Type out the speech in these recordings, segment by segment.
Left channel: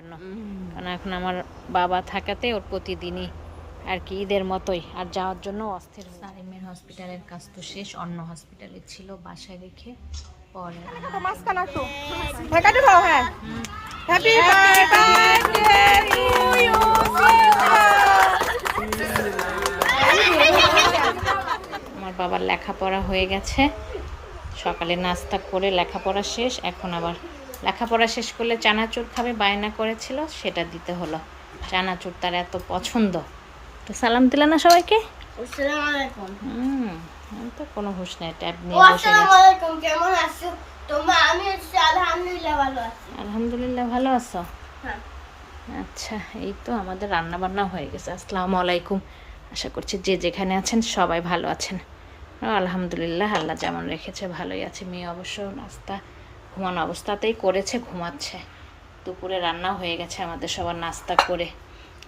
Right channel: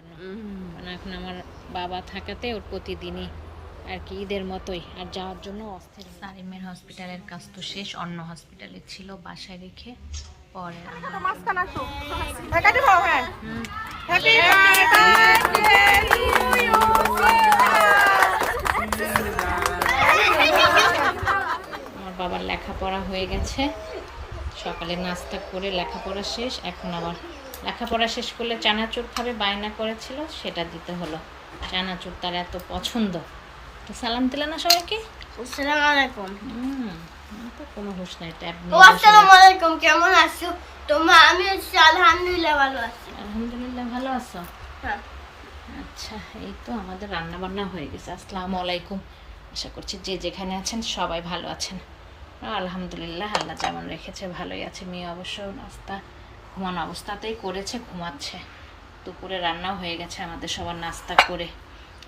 এখন আমার বাবা থাকাতে ওর প্রতিদিনই আর কি ঈদের মতোই আর যাওয়ার জন্য অস্থির সারিমের হসপিটালের কাজ তো শেষ অন্য হসপিটালে ছিল বাসায় রেখে পরে আমার জন্য- হুম। আমার বাবার লেখাপড়া হয়ে গেছে। সকালে নাস্তা করে লেখাপড়া শেষ এখন আবার লেখাপড়া শেষ করলে চানাচুর খাবে বায়না করেছিল সেটা দিতে হলো। চানাচুর তার এত পছন্দ। তো সালাম দিলে না সবাইকে? আসসালামু আলাইকুম হুম তো কোনো হুশ নাই ট্যাব নিয়ে বসে আসসালামু আলাইকুম কেমন আছো? তোমার আমি হচ্ছে আলহামদুলিল্লাহ ভালো আছি। আলহামদুলিল্লাহ ভালো আছো? হ্যাঁ। আচ্ছা এই তো আমাদের রান্না বান্না হয়ে গেছে। আসসালামু আলাইকুম আশা করছি যে যেখানে আছেন সবাই ভালো আছেন। আলহামদুলিল্লাহ আল্লাহ যেমন রেখেছে ভালোই আছে। মেয়ে অবশ্য নাস্তা ঘুমানো অবস্থাতেই করেছে, ঘুমাচ্ছে। দুপুরে রান্নাও হয়ে গেছে আমাদের সবার নাস্তা করে।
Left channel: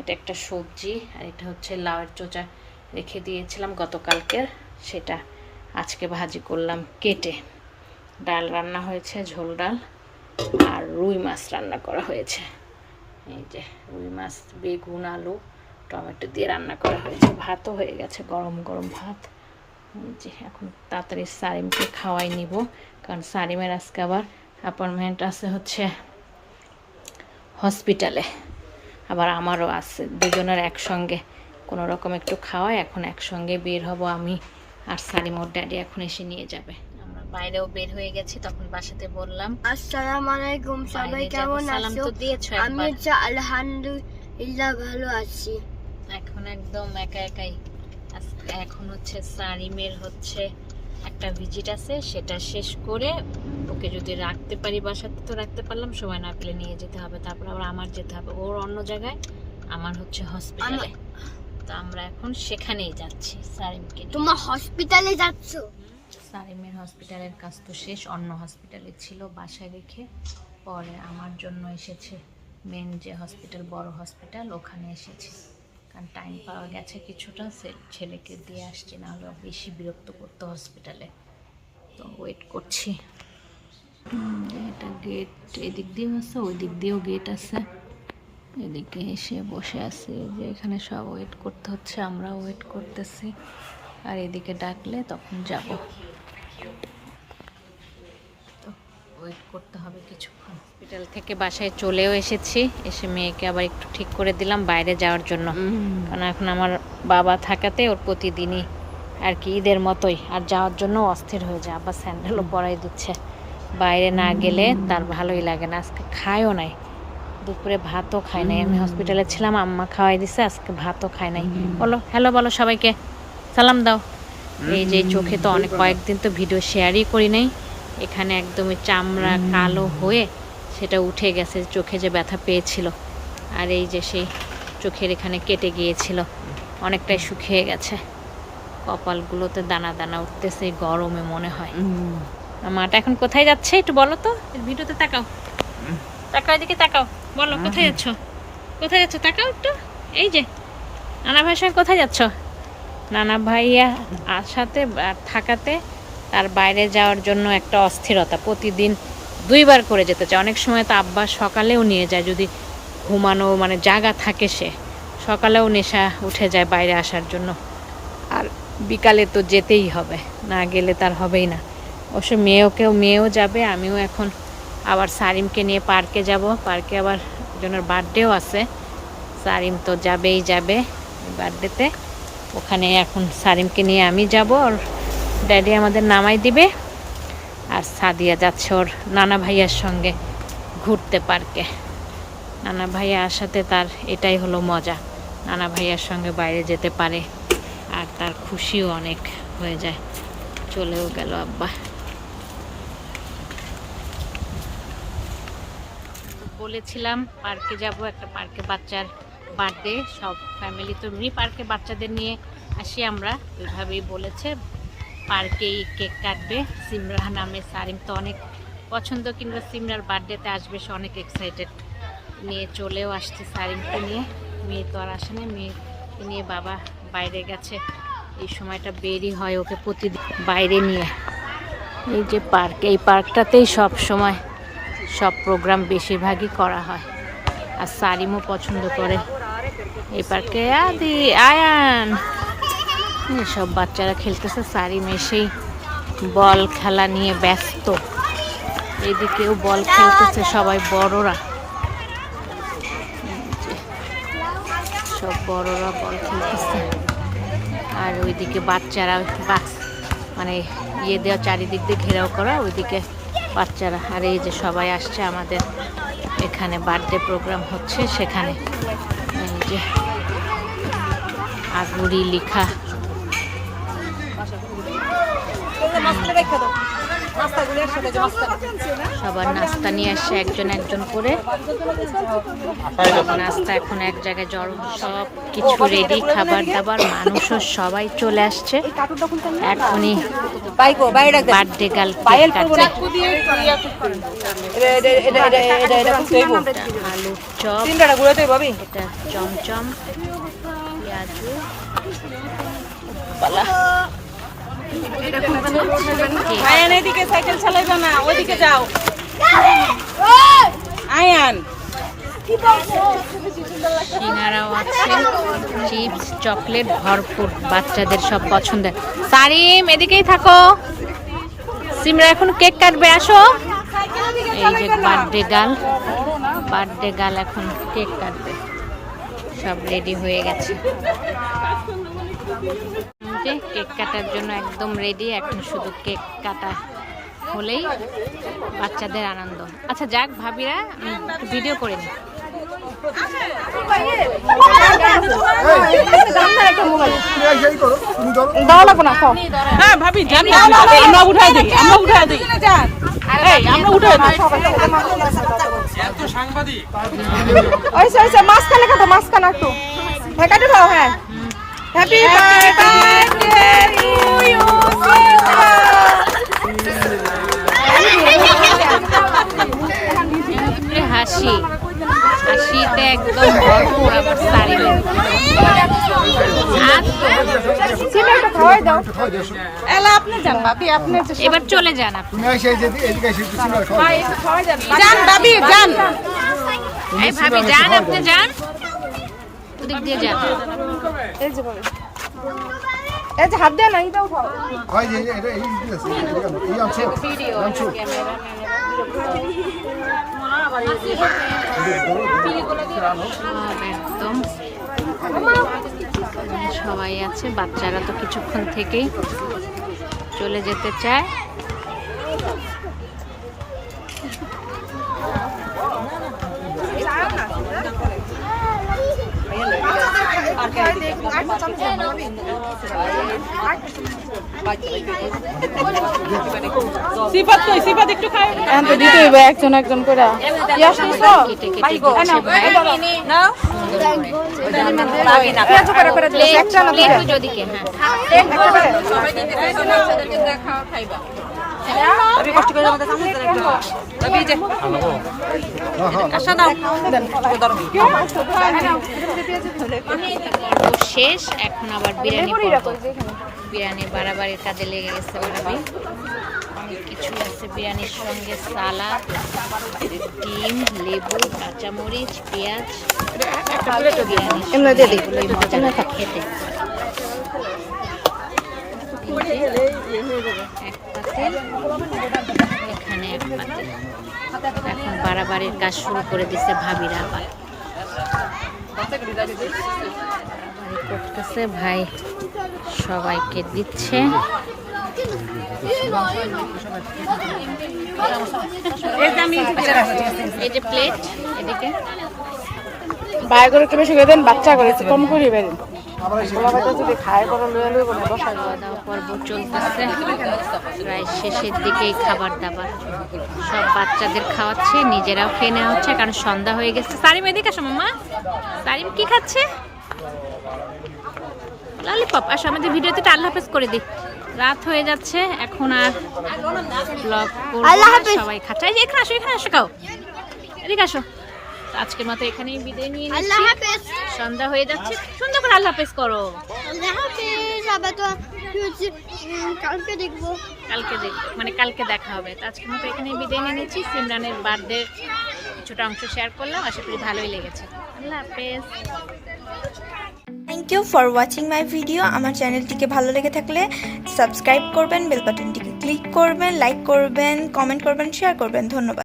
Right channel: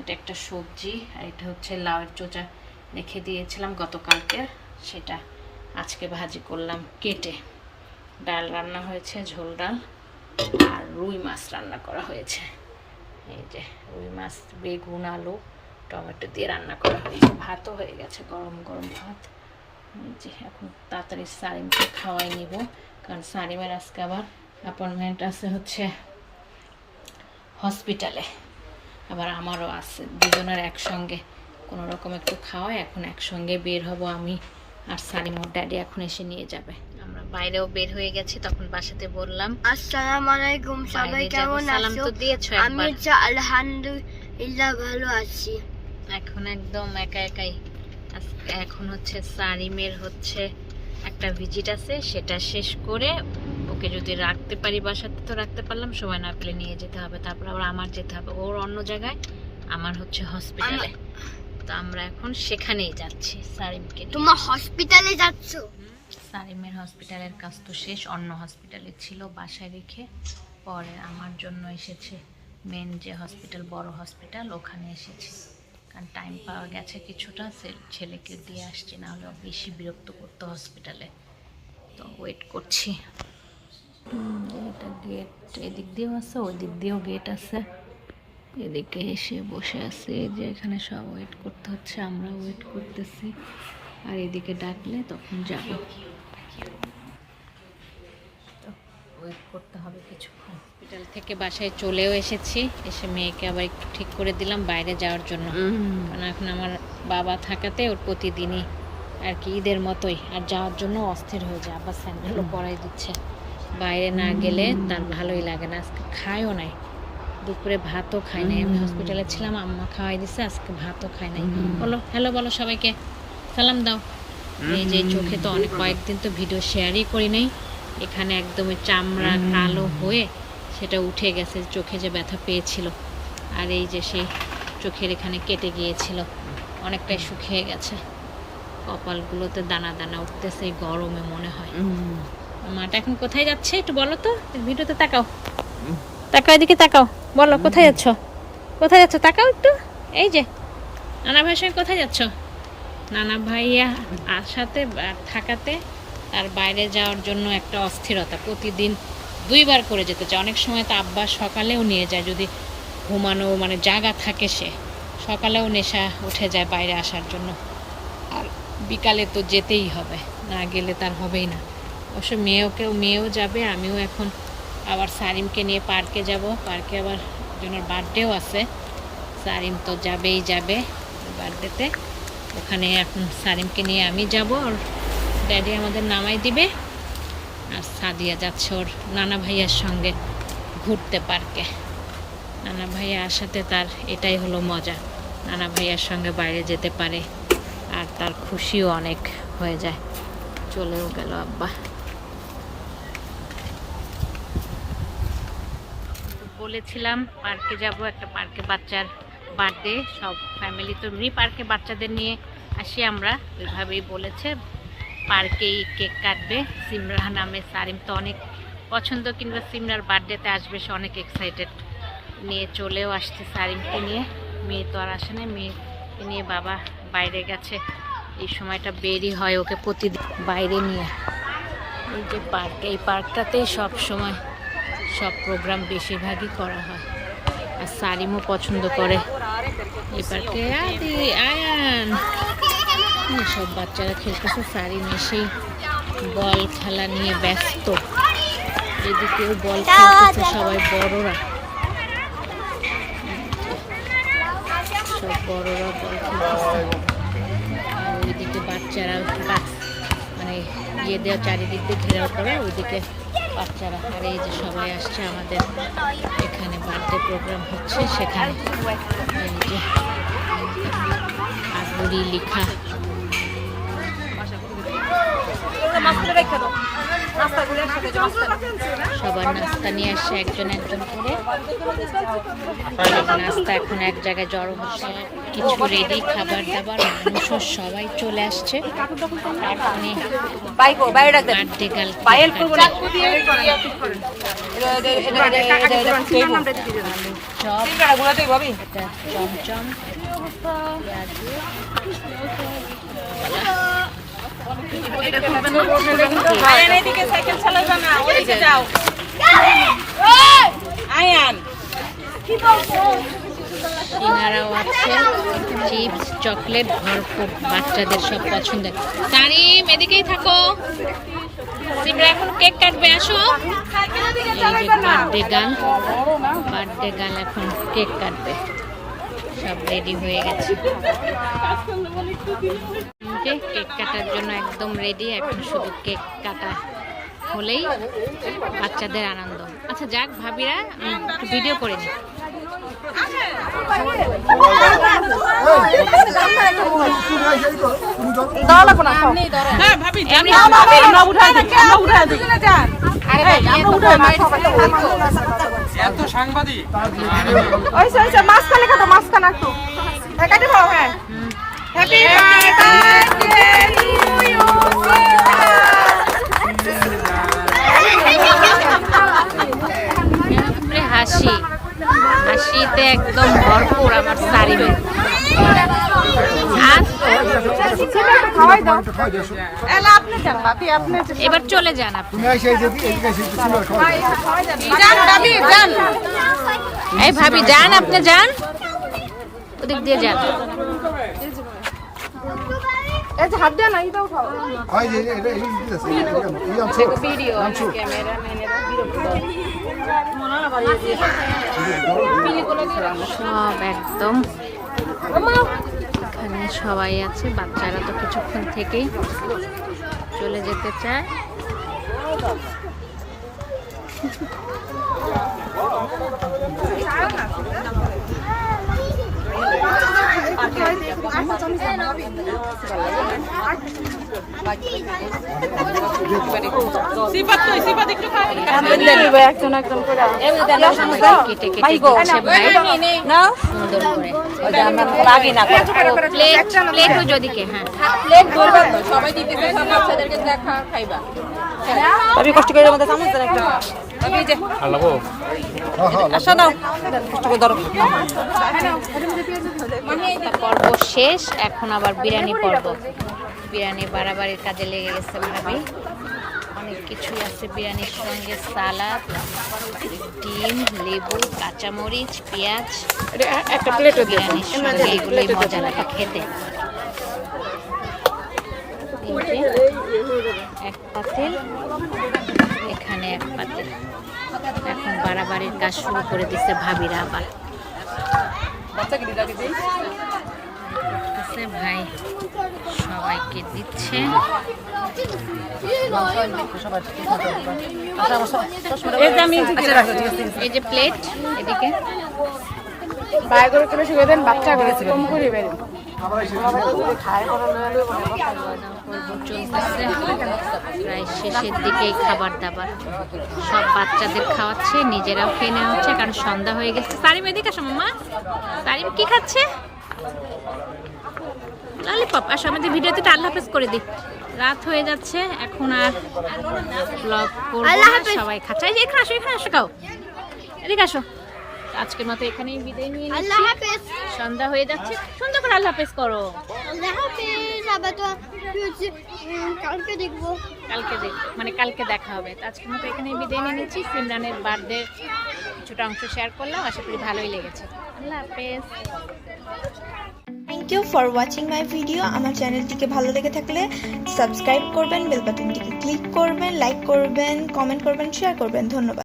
এটা একটা সবজি, আর এটা হচ্ছে লাউয়ের চোচা রেখে দিয়েছিলাম গতকালকের সেটা আজকে ভাজি করলাম কেটে। ডাল রান্না হয়েছে, ঝোল ডাল, আর রুই মাছ রান্না করা হয়েছে। এই যে রুই মাছ, বেগুন, আলু, টমেটো দিয়ে রান্না করা হয়েছে। ভাতও হয়ে গেছে, গরম গরম ভাত। যে এখন তাড়াতাড়ি সারিমকে খাওয়াই নিব। কারণ সারিমের আজকে আবার অ্যাপয়েন্টমেন্ট আছে হচ্ছে হসপিটালে আবার আমারও আছে। দুজনের একসঙ্গে কোনো রকম একটু খাওয়াই এখন একসঙ্গে বের হব আমি আর ওর ড্যাডি এখন এসে নিয়ে যাবে। আমরা বাইরেও বের হয়ে গেছি তখন বাসাতে বললাম আসসালামু আলাইকুম সবাই কেমন সালাম আছো? তো দিয়েছ আমি একবার। আলহামদুলিল্লাহ ভালো আছি। এখন একদম একা একাই এখন হচ্ছে সারিমের হচ্ছে একটা ভিজিট আছে সেটা শেষ করে ওকে যদি রাখতে পারি বাসাতে তো রাখতে পারলাম সময় না পেলে নিয়ে যেতে হবে তারপর আবার আমার যেতে হবে ওর অন্য জায়গায় আমার হচ্ছে হসপিটালে তো আমরা এখন সেখানেই যাচ্ছি সারিমকে তোমার হসপিটালে যাচ্ছো? সারিমের হসপিটালের কাজ তো শেষ অন্য হসপিটালে ছিল বাসায় রেখে পরে আমার জন্য এসেছে মেন যে হসপিটাল বড় হসপিটাল ওখানে এসেছে। কারণ টাইম পাওয়া গেছে কিছুটা ছেলেকে দিয়ে আসছি, না হলে বেশি বিরক্ত করতো হসপিটালে তো ওয়েট করছি। এটা গেট এদিক দিয়েও আছে ওই দিক দিয়েও গেট আছে। এদিকে এসে বসে আছে যে এখানে সব ওয়েট করতে হচ্ছে আমরা ওয়েট করতেছি। আর এদিকে ডাকলে তখন যাব তো ওয়েট করতে হবে কিছুক্ষণ। হসপিটাল থেকে বাসায় চলেও এসেছি। এসে মেয়েকে আবার একটু ঠিক করে দিলাম বাইরে যাওয়ার জন্য। কারণ এখন আমার বাবা থাকাতে ওর প্রতিদিনই আর কি ঈদের মতোই। আর যাওয়ার জন্য অস্থির হয়ে যায়। আবার স্যান্ডেলও পরাই দিচ্ছে। বাইরে না গেলে তার ভালোই লাগে না। আজকে খায়ও নাই। দুপুরে ভাতও খায় নাই। আমি হসপিটালে ছিলাম আম্মা খাওয়াই দিছে আজকে ভাতও খায় নাই। বলো হ্যালো বলো সবাইকে। সালাম দাও। এই যে চোখে তো অনেক কয়েকদিন তো ভিডিও শেয়ারই করি নাই। এখানে একদমই চামড়া কালো হয়ে সেটা উঠে গেছে চোখে যে ব্যথা পেয়েছিল। আর এই যে সেই চোখের এখানে কেটে গিয়েছিল অনেকটাই শুকিয়ে গেছে। কপালগুলোতে দানা দানা উঠতেছে গরমে মনে হয়। মাটা এখন কোথায় যাচ্ছে একটু বলো তো? ভিডিওতে তাকাও। তাকাও এদিকে তাকাও। বলো কোথায় যাচ্ছ? কোথায় যাচ্ছ? তাকাও একটু। এই যে নানা ভাইয়ের সঙ্গে কোথায় যাচ্ছ? নানা ভাইয়া আসাতে আর থাকাতে তার বাইরে যাওয়ার জন্য একটা অস্থিরতা। প্রতিদিন দুইবার করে যেতে চায়। অনেক সময় তো আব্বা সকালেও নিয়ে যায়, যদি ঘুমানো মানে জাগা থাকে সে। সকালেও নেশা উঠে যায় বাইরে আসার জন্য। আর বিকালে তো যেতেই হবে, না গেলে তার হবেই না। অবশ্য মেয়েওকেও মেয়েও যাবে, আমিও এখন আবার সারিমকে নিয়ে পার্কে যাব। পার্কে আবার একজনের বার্থডেও আছে। সারিম তো যাবেই যাবে বার্থডেতে। ওখানে এখন সারিমকে নিয়ে আমি যাব, আর ড্যাডি আমাদের নামাই দিবে। আর সাদিয়া যাচ্ছে ওর নানা ভাইয়ার সঙ্গে ঘুরতে পার্কে। নানা ভাইয়া আসাতে তার এটাই হলো মজা। নানা ভাইয়ার সঙ্গে বাইরে যেতে পারে আর তার খুশিও অনেক হয়ে যায়। চলেও গেল আব্বা। বলেছিলাম পার্কে যাব, একটা পার্কে বাচ্চার বার্থডে সব ফ্যামিলি তো এমনি পার্কে বাচ্চাদের নিয়ে আসি আমরা। ওইভাবেই বলেছে। পার্কেই কেক কাটবে। সিমরা নামে সারিম তো অনেক পছন্দ, কিংবা সিমরার বার্থডেতে আসবে, সে অনেক এক্সাইটেড নিয়ে চলেও আসছে সারিমকে নিয়ে। মেয়ে তো আর আসে না মেয়েকে নিয়ে বাবা বাইরে গেছে। এই সময়টা বেরই হয় ওকে প্রতিদিন বাইরে নিয়ে। এই যে পার্ক, এই পার্কটাতেই সব সময় সব প্রোগ্রাম বেশিরভাগই করা হয়। আর সারিমও পছন্দ করে। এই পার্কে আদি, আয়ান। সব বাচ্চারা খেলতেছে, সারি মেশেই বল খেলা নিয়ে ব্যস্ত। এদিকেও বল খেলতেছে সবাই বড়রা। সব বড়রা বল খেলতেছে। আর ওইদিকে বাচ্চারা মানে ইয়ে দেওয়া চারিদিক দিয়ে ঘেরাও করা, ওইদিকে বাচ্চারা। আর এই যে সবাই আসছে আমাদের এখানে বার্থডে প্রোগ্রাম হচ্ছে সেখানে। এই যে আগুরি লিখা সবার নাস্তা নিয়ে আসছে একজন একজন করে। সব নাস্তা এখন এক জায়গায় জড়ো সব কিছু রেডি খাবার দাবার মানুষও সবাই চলে আসছে। এখনই বার্থডে কেক কাটবে আলুর চপ। এটা চমচম পেঁয়াজু। পালা। আয়ান। সিঙ্গারাও আছে, চিপস, চকলেট ভরপুর, বাচ্চাদের সব পছন্দের। সারিম, এদিকেই থাকো। সিমরা, এখন কেক কাটবে, আসো। এই যে বার্থডে গার্ল বার্থডে গার্ল এখন কেক কাটবে। সব রেডি হয়ে গেছে। কেক কাটার জন্য একদম রেডি, এখন শুধু কেক কাটা হলেই বাচ্চাদের আনন্দ। আচ্ছা যাক ভাবিরা একটু ভিডিও করে নি। আমরা দিই আমরা দিই। আমরা দিই। মাঝখানে কাটো মাঝখানে হ্যাঁ কাটো হ্যাঁ। হাসি হাসিতে একদম ভরপুর আমার শাড়ি। এবার চলে যান আপনি ভাবি যান এই ভাবি যান আপনি যান ওদিক দিয়ে যান হাত দেন এইটাও খাও সব একদম সবাই আছে বাচ্চারা তো কিছুক্ষণ থেকেই চলে যেতে চায়। সিফাত কই সিফাত একটু খাই একজন একজন করে সবাই কেটে কেটে দিচ্ছে ভাই সুন্দর করে যদি কে হ্যাঁ ভাবি কষ্ট করে আমাদের চামচ যে। আসো পর্ব শেষ এখন আবার বিরিয়ানি পর্ব। বিরিয়ানি বাড়াবাড়ির কাজে লেগে গেছে ভাবি। অনেক কিছুই আছে বিরিয়ানির সঙ্গে সালাদ ডিম লেবু কাঁচামরিচ পেঁয়াজ। বিরিয়ানির সঙ্গে এগুলোই মজা লাগে খেতে। এক পাতিল এখানে এক পাতিল। এখন বাড়াবাড়ির কাজ শুরু করে দিচ্ছে ভাবিরা আবার। করতেছে ভাই সবাইকে দিচ্ছে। এই যে প্লেট এদিকে। ভাই করে দেন বাচ্চা করে কম করে খাওয়া দাওয়া পর্ব চলতেছে। প্রায় শেষের দিকেই খাবার দাবার সব বাচ্চাদের খাওয়াচ্ছে নিজেরাও খেয়ে নেওয়া হচ্ছে কারণ সন্ধ্যা হয়ে গেছে। সারিম এদিকে আসো মামা সারিম কি খাচ্ছে? ললিপপ আসো আমাদের ভিডিওতে আল্লাহ হাফেজ করে দিই। রাত হয়ে যাচ্ছে এখন আর ব্লগ করব না সবাই খাচ্ছে। এখানে আসো এখানে আসো খাও। এদিকে আসো। আজকের মতো এখানেই বিদায় নিয়ে আল্লাহ নিচ্ছি। হাফেজ। সন্ধ্যা হয়ে যাচ্ছে। সুন্দর করে আল্লাহ হাফেজ করো। কালকে দেখব। কালকে দেখ মানে কালকে দেখা হবে। তো আজকের মতো এখানে বিদায় নিয়ে নিচ্ছি। সিমরানের বার্থডে কিছুটা অংশ শেয়ার করলাম। আশা করি ভালোই লেগেছে। আল্লাহ হাফেজ। Thank you for watching my video আমার চ্যানেলটিকে ভালো লেগে থাকলে সাবস্ক্রাইব করবেন বেল বাটনটিকে ক্লিক করবেন লাইক করবেন কমেন্ট করবেন শেয়ার করবেন। ধন্যবাদ।